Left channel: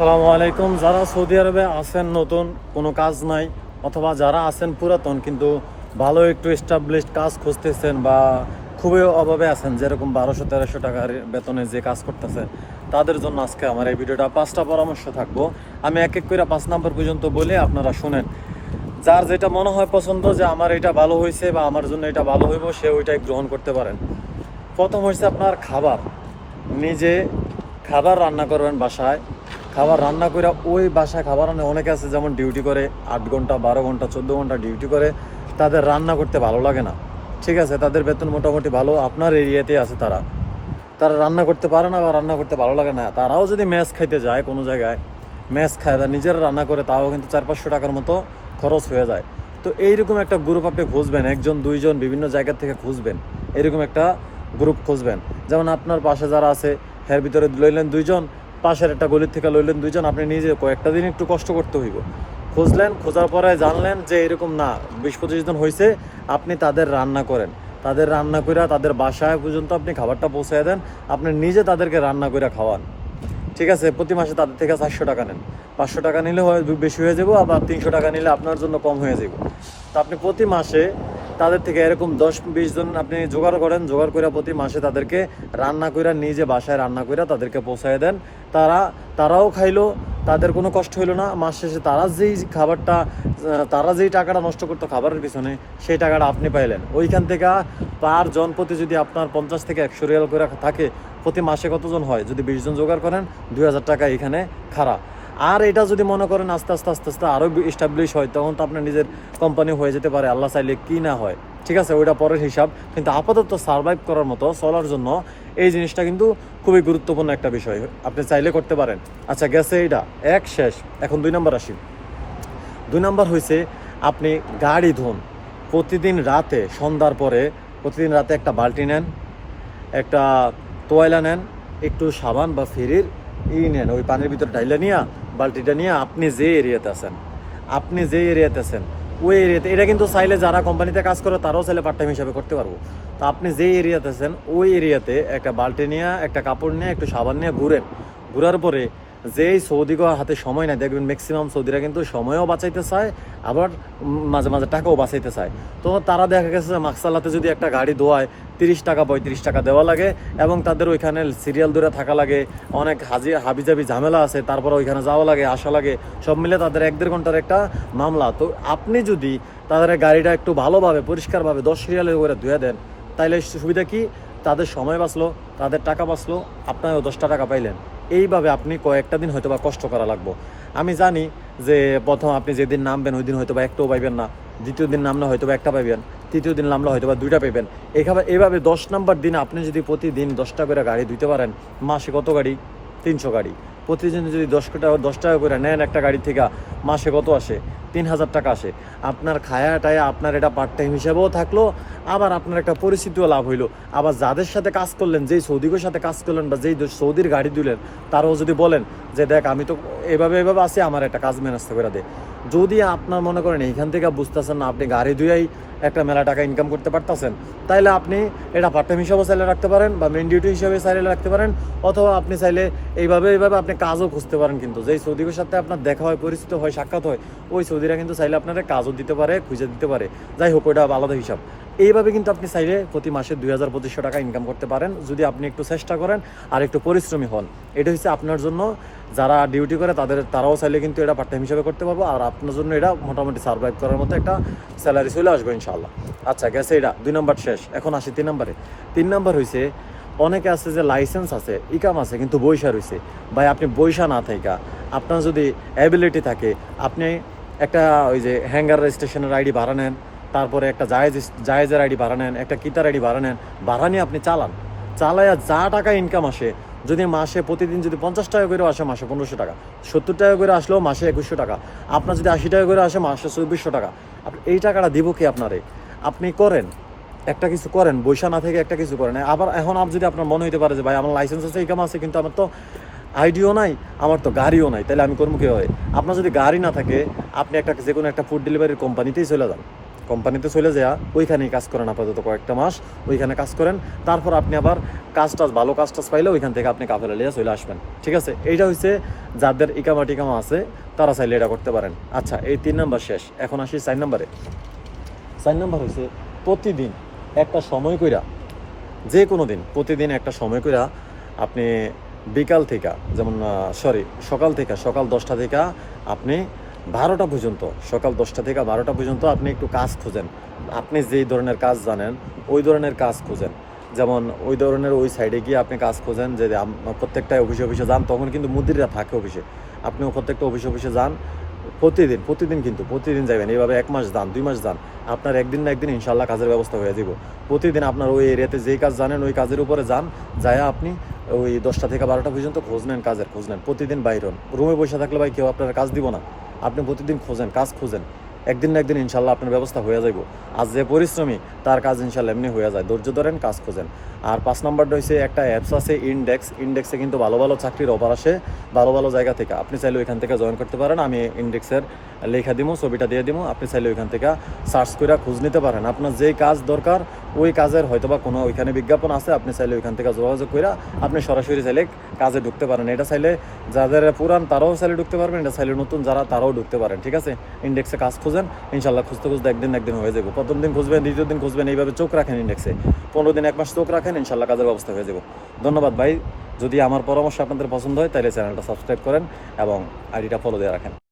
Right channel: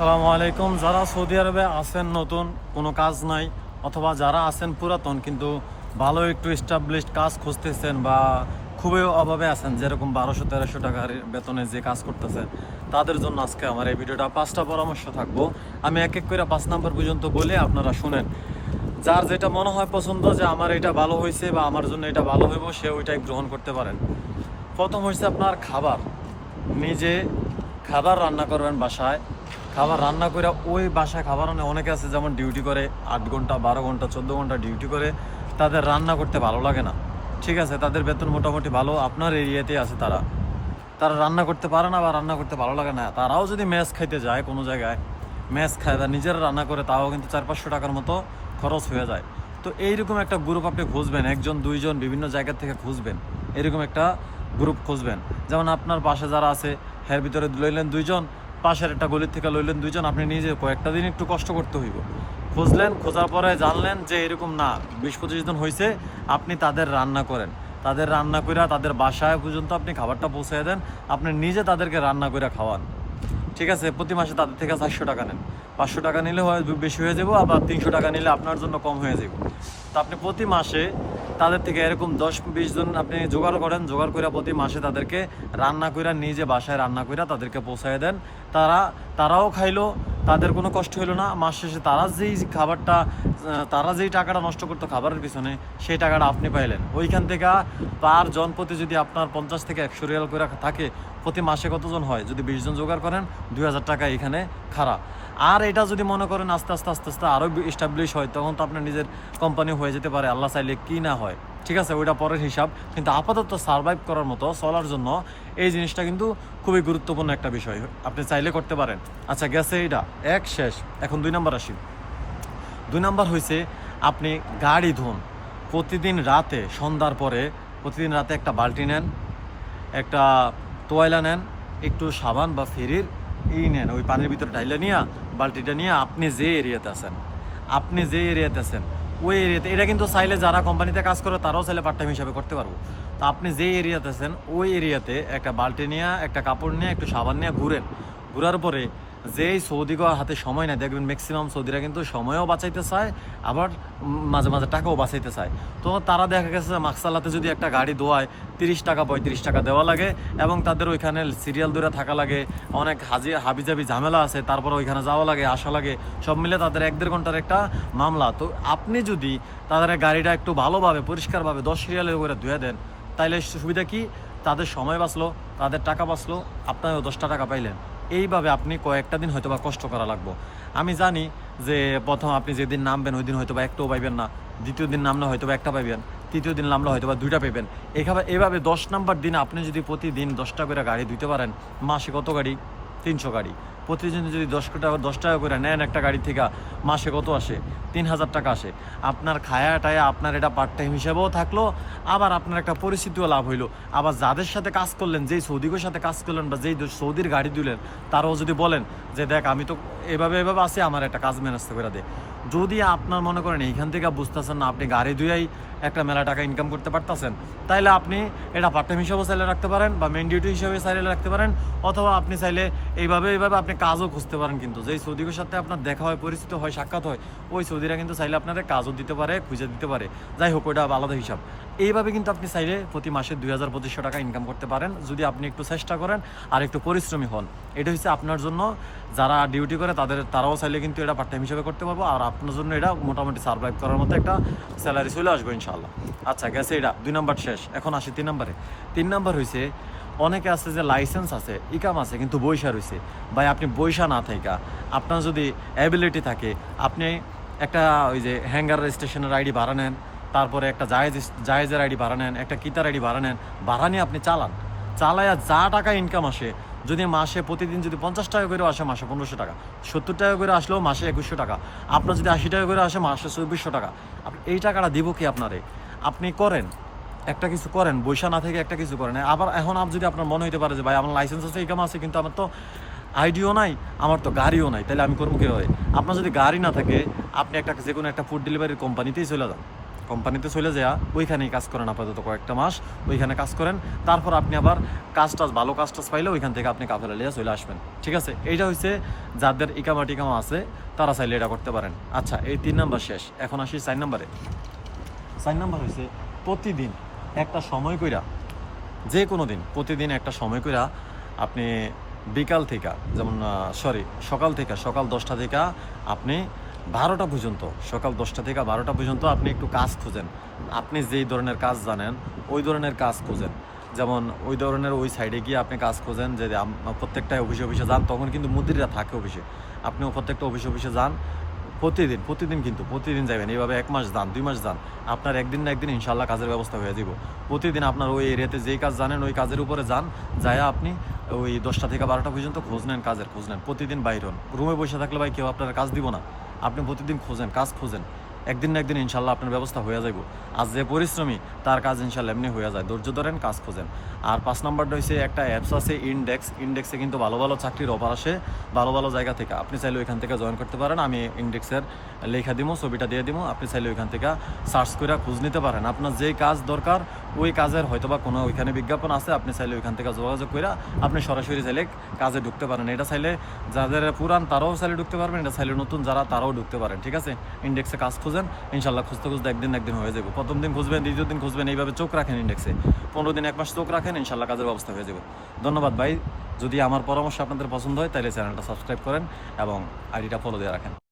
আসসালামু আলাইকুম। যারা সৌদি আরবে আছেন নতুন, কোনো কাজ নাই, অথবা যারা আছেন পুরাতন কিন্তু ভালো একটু এস্টাবলিশড কাজ খুঁজতেছেন বা খুবই অভাবে আছেন, যেরকম 1200-1300 টাকার বেতনে যে কাজ করতেছেন, তাদের জন্য আজকে আমার এই ভিডিওটা 5টা পরামর্শ থাকবো। আমি এক এক করে 5 নাম্বার পর্যন্ত বলে আপনারা শুনেন। যার যেটা মনে হয় পছন্দ যে আমার এটা ভালো হয়েছে বা আমার জন্য এটা ভালো হইব, সে ওইটাই গ্রহণ করতে পারেন। প্রথম হচ্ছে আপনার খাবার। নিজে খাবার রান্না করবেন বাসায়। খাবার রান্না করে ওই বাসায় খাবার অনেকে আছে যেমন ডিউটি করে 8 ঘন্টা 12 ঘন্টা 14 ঘন্টা ডিউটি করে, তাদের রান্না করতে ভালো লাগে না। ঠিক আছে, তাদের বেতন মোটামুটি ভালো, আপনার এরিয়াতে আছে, তারা তারা রান্না করতে পারে না বা রান্না করতে ভালো লাগে না। তারাও যদি ম্যাচ খাইতে যায় কোনো জায়গায়, ম্যাচ খায় বা নিজেরা রান্না করে, তাও কিন্তু 400-500 টাকার মতো খরচ হয়ে যায়। তো এইরকম একটা গ্রুপ আপনি খুঁজবেন, একজন দুইজন বিভিন্ন জায়গা থেকে খুঁজবেন, এরকম একটা গ্রুপ খুঁজবেন। যেমন আপনার পাশে যারা আছে এর ভিতরে লইলেন দুইজন, পাশের একটা গলির থেকে লইলেন দুইজন, আপনি নিজে কয়েকটা দিন একটু কষ্ট করতে হইব। খুঁজলেন, খোঁজার পরে জানলেন যে এরকম না, 20-25 জন হয়েছে, আপনি তাদের রান্না করেন। তাদের রান্না করে তাদের বাসায় পর্যন্ত আপনি খাবারটা পৌঁছায় দেন, আপনি নিজে তাদেরকে রান্না করে খাওয়ান। ঠিক আছে, প্রতি মাসে তাদের থেকে 400 টাকা নেন। 500 টাকা নিলে হয় বেশি হয়ে যাবো, আবার 300 টাকা নিলে আপনার জন্য কম হয়ে যাবে। তো আপনি প্রতি মাসে তাদের থেকে এরকম 10-20 জন আপনি জোগাড় করেন, জোগাড় করে প্রতি মাসে তাদেরকে রান্না করে নিজে বাসায় রান্না করে তাদেরকে পৌঁছায় দেন। তারাও খাইলো, তাদের কোনো কষ্ট হইলো না। মাস শেষে তারা যেই টাকাটা নষ্ট করতো খাবারের পিছনে, সেই টাকাটা আপনি পাইলেন। ওইখান থেকে পার জন প্রতি যদি আপনার 50 থেকে 100 রিয়াল করে থাকে, প্রতি মাসে কতজন হয়? যদি 20 জন জোগাড় করেন, 2000 টাকা এখানে খাড়া। আর এটা যদি মনে করেন আস্তে আস্তে আস্তে আস্তে আরও এস্টাবলিশ হয়, তখন তো আপনার নিজের কোম্পানি হয়ে যেতে পারে, আল্লাহ চাইলে কি না হয়। ঠিক আছে, ওইটা পরের হিসাব। কিন্তু আপাতত সার্ভাইভ করার মতো, চলার জন্য এই জিনিসটা কিন্তু খুবই গুরুত্বপূর্ণ একটা বিষয়, আপনি চাইলে করতে পারেন। আচ্ছা, গেছে এইটা এক শেষ। এখন 2 নম্বর আসি। 2 নম্বর হয়েছে আপনি গাড়ি ধুন। প্রতিদিন রাতে সন্ধ্যার পরে প্রতিদিন রাতে একটা বালতি নেন, একটা তোয়ালা নেন, একটু সাবান বা ফেরির নেন, ওই পানির ভিতরে ঢাইলা নিয়ে বালতিটা নিয়ে আপনি যে এরিয়াতে আছেন ওই এরিয়াতে, এটা কিন্তু চাইলে যারা কোম্পানিতে কাজ করে তারাও চাইলে পার্ট টাইম হিসাবে করতে পারবো। তো আপনি যে এরিয়াতে আছেন ওই এরিয়াতে একটা বালতি নিয়ে, একটা কাপড় নিয়ে, একটু সাবান নিয়ে ঘুরার পরে, যেই সৌদিকে হাতে সময় নেয়, দেখবেন ম্যাক্সিমাম সৌদিরা কিন্তু সময়ও বাঁচাইতে চায়, আবার মাঝে মাঝে টাকাও বাঁচাইতে চায়। তো তারা দেখা গেছে মাকসালাতে যদি একটা গাড়ি ধোয়ায় 30 টাকা 35 টাকা দেওয়া লাগে, এবং তাদের ওইখানে সিরিয়াল ধরে থাকা লাগে, অনেক হাবিজাবি ঝামেলা আছে, তারপর ওইখানে যাওয়া লাগে, আসা লাগে, সব মিলে তাদের 1-1.5 ঘন্টার একটা মামলা। তো আপনি যদি তাদের গাড়িটা একটু ভালোভাবে পরিষ্কারভাবে 10 রিয়ালের করে ধুয়ে দেন, তাইলে সুবিধা কি? তাদের সময় বাঁচলো, তাদের টাকা বাঁচলো, আপনারও 10টা টাকা পাইলেন। এইভাবে আপনি কয়েকটা দিন হয়তো বা কষ্ট করা লাগবো। আমি জানি যে প্রথম আপনি যেদিন নামবেন ওই দিন হয়তো বা একটাও পাইবেন না, দ্বিতীয় দিন নামলে হয়তো বা একটা পাইবেন, তৃতীয় দিন নামলে হয়তো বা 2টা পাইবেন। এইভাবে 10 নম্বর দিন আপনি যদি প্রতিদিন 10টা করে গাড়ি ধুইতে পারেন, মাসে কত গাড়ি? 300 গাড়ি। প্রতিদিন যদি 10 টাকা করে নেন একটা গাড়ি থেকে, মাসে কত আসে? 3000 টাকা আসে। আপনার খায়া টায়া আপনার এটা পার্ট টাইম হিসেবেও থাকলো, আবার আপনার একটা পরিস্থিতিও লাভ হইলো। আবার যাদের সাথে কাজ করলেন, যেই সৌদিকের সাথে কাজ করলেন বা যেই সৌদির গাড়ি দিলেন, তারাও যদি বলেন যে দেখ আমি তো এভাবে আছি, আমার একটা কাজ ম্যানেজ করে দে। যদি আপনার মনে করেন এইখান থেকে বুঝতেছেন না, আপনি গাড়ি ধুয়েই একটা মেলা টাকা ইনকাম করতে পারতেছেন, তাইলে আপনি এটা পার্ট টাইম হিসাবেও চাইলে রাখতে পারেন, বা মেন ডিউটি হিসাবে চাইলে রাখতে পারেন, অথবা আপনি চাইলে এইভাবে আপনি কাজও খুঁজতে পারেন। কিন্তু যেই সৌদিকের সাথে আপনার দেখা হয়, পরিচিত হয়, সাক্ষাৎ হয়, ওই সৌদিরা কিন্তু চাইলে আপনারা কাজও দিতে পারে, খুঁজে দিতে পারে। যাই হোক, ওইটা আলাদা হিসাব। এইভাবে কিন্তু আপনি চাইলে প্রতি মাসে 2000-2500 টাকা ইনকাম করতে পারেন, যদি আপনি একটু চেষ্টা করেন আর একটু পরিশ্রমী হন। এটা হচ্ছে আপনার জন্য, যারা ডিউটি করে তারাও চাইলে কিন্তু এটা পার্ট টাইম হিসাবে করতে পারবো, আর আপনার জন্য এটা মোটামুটি সার্ভাইভ করার মতো একটা স্যালারি চলে আসবে ইনশাআল্লাহ। আচ্ছা, গেছে এটা 2 নম্বর শেষ। এখন আসি 3 নম্বরে। 3 নম্বর হয়েছে অনেকে আছে যে লাইসেন্স আছে, ইকাম আছে, কিন্তু বৈশা রয়েছে। ভাই, আপনি বৈশা না থাকা, আপনার যদি অ্যাবিলিটি থাকে, আপনি একটা ওই যে হ্যাঙ্গার স্টেশনের আইডি ভাড়া নেন, তারপরে একটা জায়েজের আইডি ভাড়া নেন, একটা কিতার আইডি ভাড়া নেন, ভাড়া নিয়ে আপনি চালায়া যা টাকা ইনকাম আসে, যদি মাসে প্রতিদিন যদি 50 টাকা করে আসে, মাসে 1500 টাকা, 70 টাকা করে আসলেও মাসে 2100 টাকা, আপনার যদি 80 টাকা করে আসে, মাসে 2400 টাকা, আপনি এই টাকাটা দিব কি আপনারে? আপনি করেন, একটা কিছু করেন, বৈশা না থেকে একটা কিছু করেন। আবার এখন যদি আপনার মনে হইতে পারে যে ভাই আমার লাইসেন্স আছে, ইনকাম আছে, কিন্তু আমার তো আইডিও নাই, আমার তো গাড়িও নাই, তাহলে আমি করবো কীভাবে? আপনার যদি গাড়ি না থাকে, আপনি যে কোনো একটা ফুড ডেলিভারির কোম্পানিতেই চলে যান। কোম্পানিতে চলে যাওয়া ওইখানেই কাজ করেন আপাতত কয়েকটা মাস, ওইখানে কাজ করেন, তারপর আপনি আবার ভালো কাজ টাজ পাইলে ওইখান থেকে আপনি কাফেলা লিয়ে চলে আসবেন। ঠিক আছে, এইটা হচ্ছে যাদের ইকামা টিকামা আছে তারা চাইলে এটা করতে পারেন। আচ্ছা, এই 3 নাম্বার শেষ, এখন আসি 4 নাম্বারে। 4 নাম্বার হচ্ছে প্রতিদিন একটা সময় কইরা, যে কোনো দিন প্রতিদিন একটা সময় কইরা আপনি বিকাল থেকে, যেমন সকাল 10টা থেকে আপনি 12টা পর্যন্ত, সকাল 10টা থেকে 12টা পর্যন্ত আপনি একটু কাজ খুঁজেন। আপনি যেই ধরনের কাজ জানেন ওই ধরনের কাজ খুঁজেন। যেমন ওই ধরনের ওই সাইডে গিয়ে আপনি কাজ খুঁজেন, যে প্রত্যেকটা অফিসে যান, তখন কিন্তু মুদিররা থাকে অফিসে, আপনিও প্রত্যেকটা অফিসে যান প্রতিদিন যাবেন। এইভাবে 1 মাস যান, 2 মাস যান, আপনার একদিন না একদিন ইনশাল্লাহ কাজের ব্যবস্থা হয়ে যাব। প্রতিদিন আপনার ওই এরিয়াতে যেই কাজ জানেন ওই কাজের উপরে যান, যায় আপনি ওই 10টা থেকে 12টা পর্যন্ত খোঁজ নেন, খোঁজ নেন। প্রতিদিন বাইর হন, রুমে বসে থাকলে ভাই কেউ আপনার কাজ দিব না। আপনি প্রতিদিন কাজ খুঁজেন, একদিন না একদিন ইনশাল্লাহ আপনার ব্যবস্থা হয়ে যাইব। আর যে পরিশ্রমী তার কাজ ইনশাল্লাহ এমনি হয়ে যায়। ধৈর্য ধরেন, কাজ খুঁজেন। আর 5 নাম্বারটা হচ্ছে একটা অ্যাপস আছে ইন্ডেক্সে কিন্তু ভালো ভালো চাকরির অফার আসে ভালো জায়গা থেকে। আপনি চাইলে ওইখান থেকে জয়েন করতে পারেন। আমি ইন্ডেক্সের লেখা দিব, ছবিটা দিয়ে দিব, আপনি চাইলে ওইখান থেকে সার্চ করে খোঁজ নিতে পারেন। আপনার যেই কাজ দরকার ওই কাজের হয়তোবা কোনো ওইখানে বিজ্ঞাপন আছে, আপনি চাইলে ওইখান থেকে যোগাযোগ করে আপনি সরাসরি চাইলে কাজে ঢুকতে পারেন। এটা চাইলে যাদের পুরান তারাও চাইলে ঢুকতে পারবেন, এটা চাইলে নতুন যারা তারাও ঢুকতে পারেন। ঠিক আছে, ইন্ডেক্সে কাজ খুঁজেন, ইনশাল্লাহ খুঁজতে একদিন হয়ে যাবে। প্রথম দিন খুঁজবেন, দ্বিতীয় দিন খুঁজবেন, এইভাবে চোখ রাখেন ইন্ডেক্সে, 15 দিন 1 মাস চোখ রাখেন, ইনশাল্লাহ কাজের ব্যবস্থা হয়ে যাবে। ধন্যবাদ ভাই। যদি আমার পরামর্শ আপনাদের পছন্দ হয় তাহলে চ্যানেলটা সাবস্ক্রাইব করেন এবং আইডিটা ফলো দিয়ে রাখেন।